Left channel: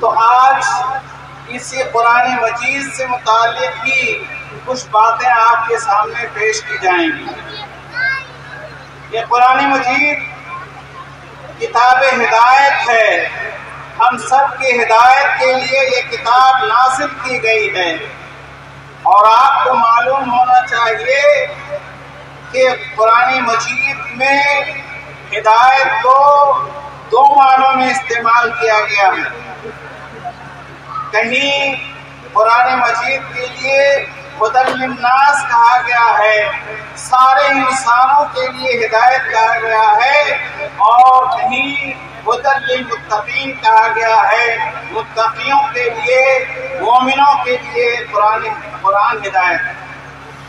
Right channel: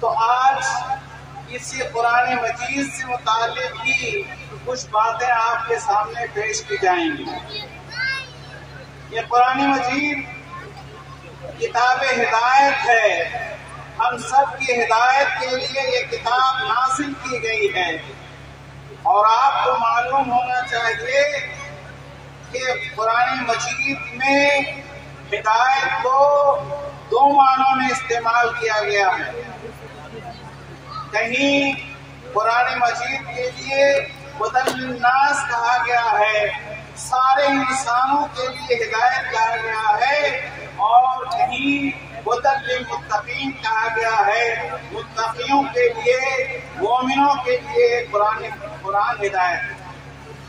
تو آج اسی قرآن مجید سے متعلق کی کچھ باتیں آپ کے سامنے پیش کی جائیں گی۔ یہ قرآن مجید کتاب ہدایت ہے، ہم سب کی ہدایت کے لیے یہ کتاب نازل کی گئی ہے، اور آپ کو معلوم ہونا چاہیے کہ قرآن مجید میں ہدایت کو دو معنوں میں استعمال کیا گیا ہے۔ کہیں قرآن مجید کے لیے ہدی للناس کہا گیا ہے، سارے انسانوں کے لیے ہدایت کہا گیا ہے، اور کہیں ہدی للمتقین کہا گیا ہے، متقیوں کے لیے، مومنوں کے لیے قرآن ہدایت ہے۔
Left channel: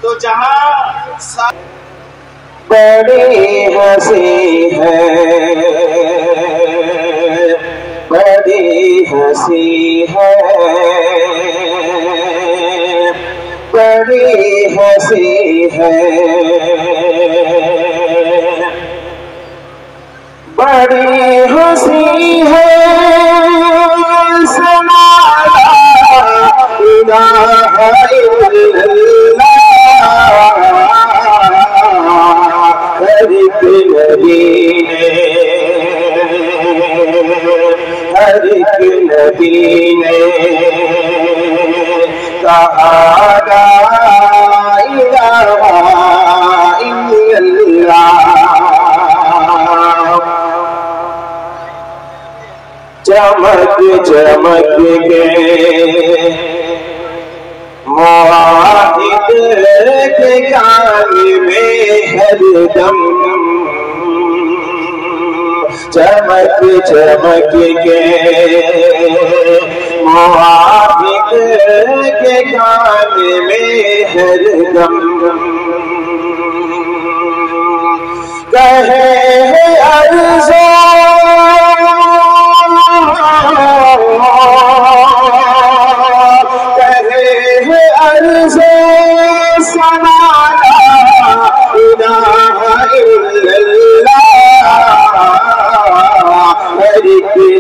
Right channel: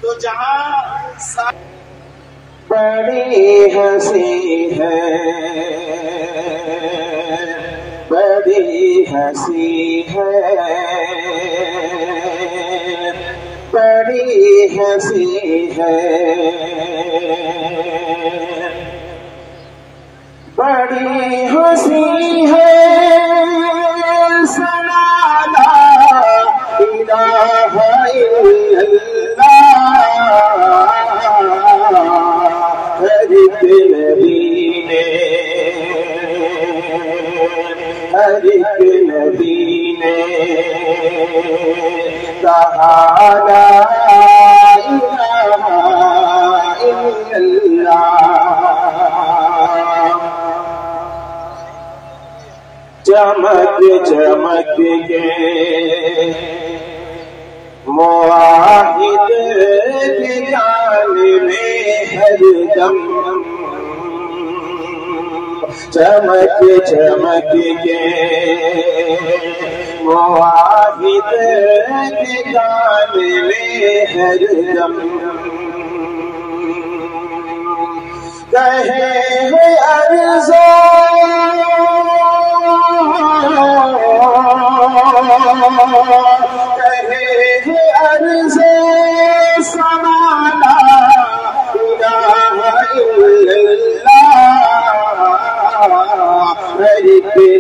تو جہاں بڑی ہنسی ہے، بڑی ہنسی ہے، بڑی ہنسی ہے، بڑی ہنسی ہے، سنا لا الہ الا اللہ، ہر ایک نبی نے، ہر ایک نبی نے کہا لا الہ الا اللہ۔ چمک چمک کے موحد کے کان میں ہر دم، چمک چمک کے موحد کے کان میں ہر دم کہے عرض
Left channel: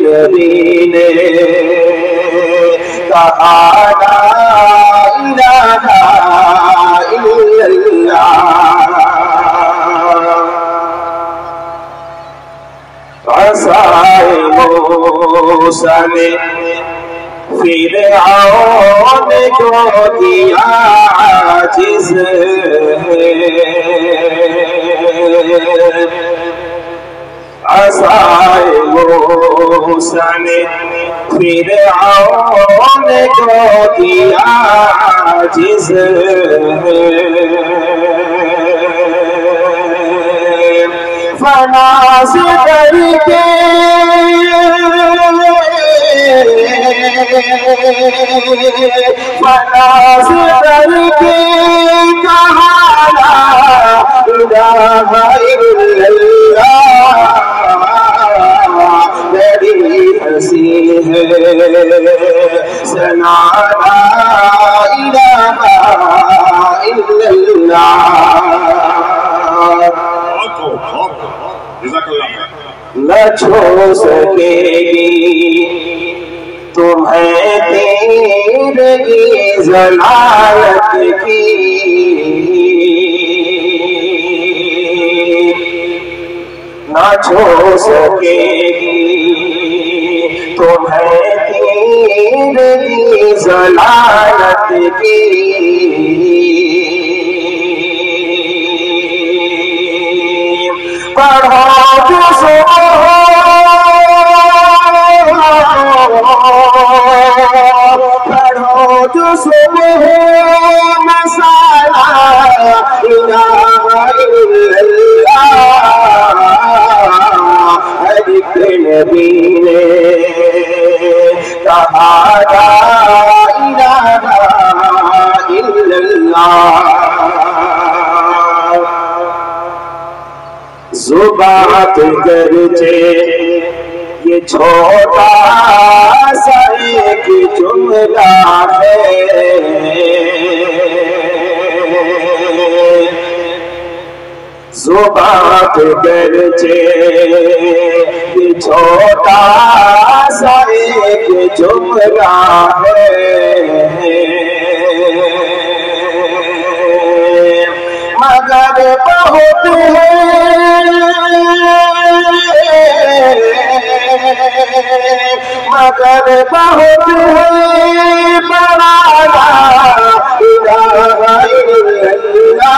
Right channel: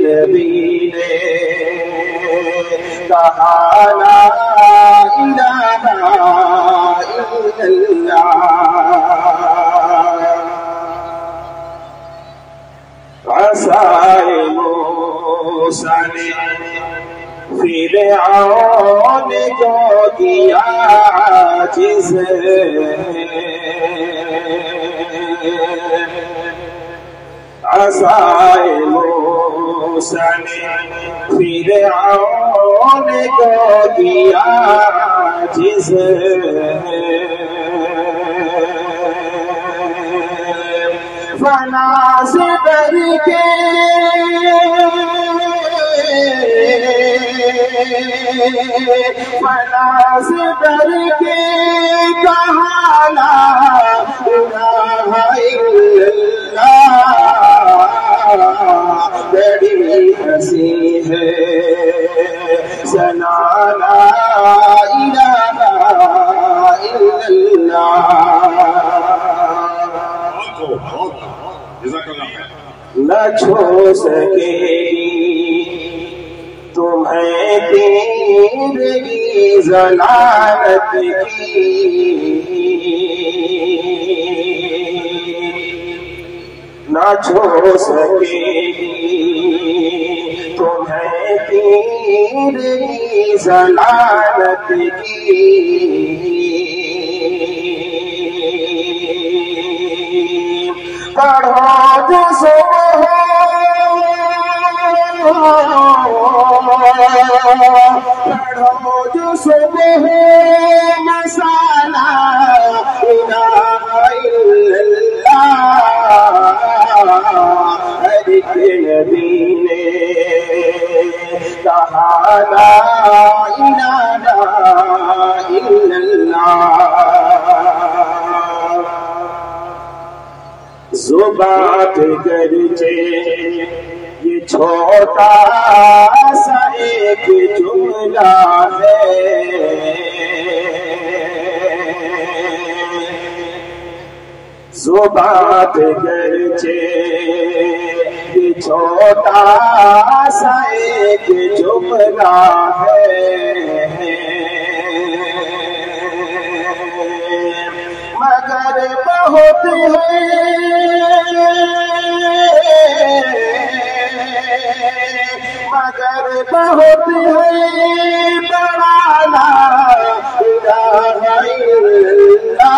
نبی نے کہا لا الہ الا اللہ۔ عصائے موسیٰ نے فرعون کو کیا عاجز، عصائے موسیٰ نے فرعون کو کیا عاجز، فناز کر کے فناز کر کے کہا لا الہ الا اللہ۔ بڑی ہنسی ہے، سنا لا الہ الا اللہ۔ نہ چھو سکے گی تمہیں تیرگی ضلالت کی، نہ چھو سکے گی تمہیں تیرگی ضلالت کی۔ پڑھو جو صبح پڑھو جو صبح مسالہ الہ الا اللہ، ہر ایک نبی نے کہا لا الہ الا اللہ۔ زبان گرچہ یہ چھوٹا سا ایک جملہ ہے، زبان گرچہ یہ چھوٹا سا ایک جملہ جملہ ہے مگر بہت ہے مگر بہت ہے بڑا لا الہ الا اللہ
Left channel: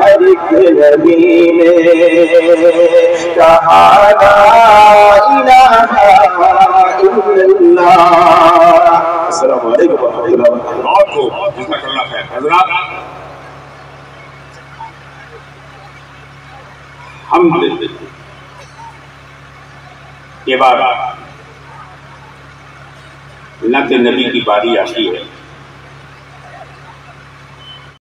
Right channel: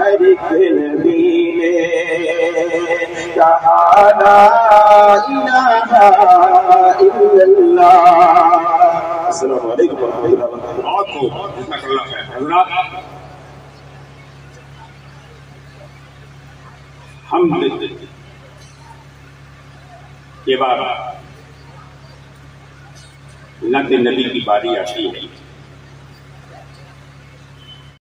ہر ایک نبی نے کہا لا الہ الا اللہ. السلام علیکم ورحمۃ اللہ وبرکاتہ. بہت خوب جزاک اللہ خیر. حضرات الحمدللہ یہ بار نعت نبی کی باری آتی ہے.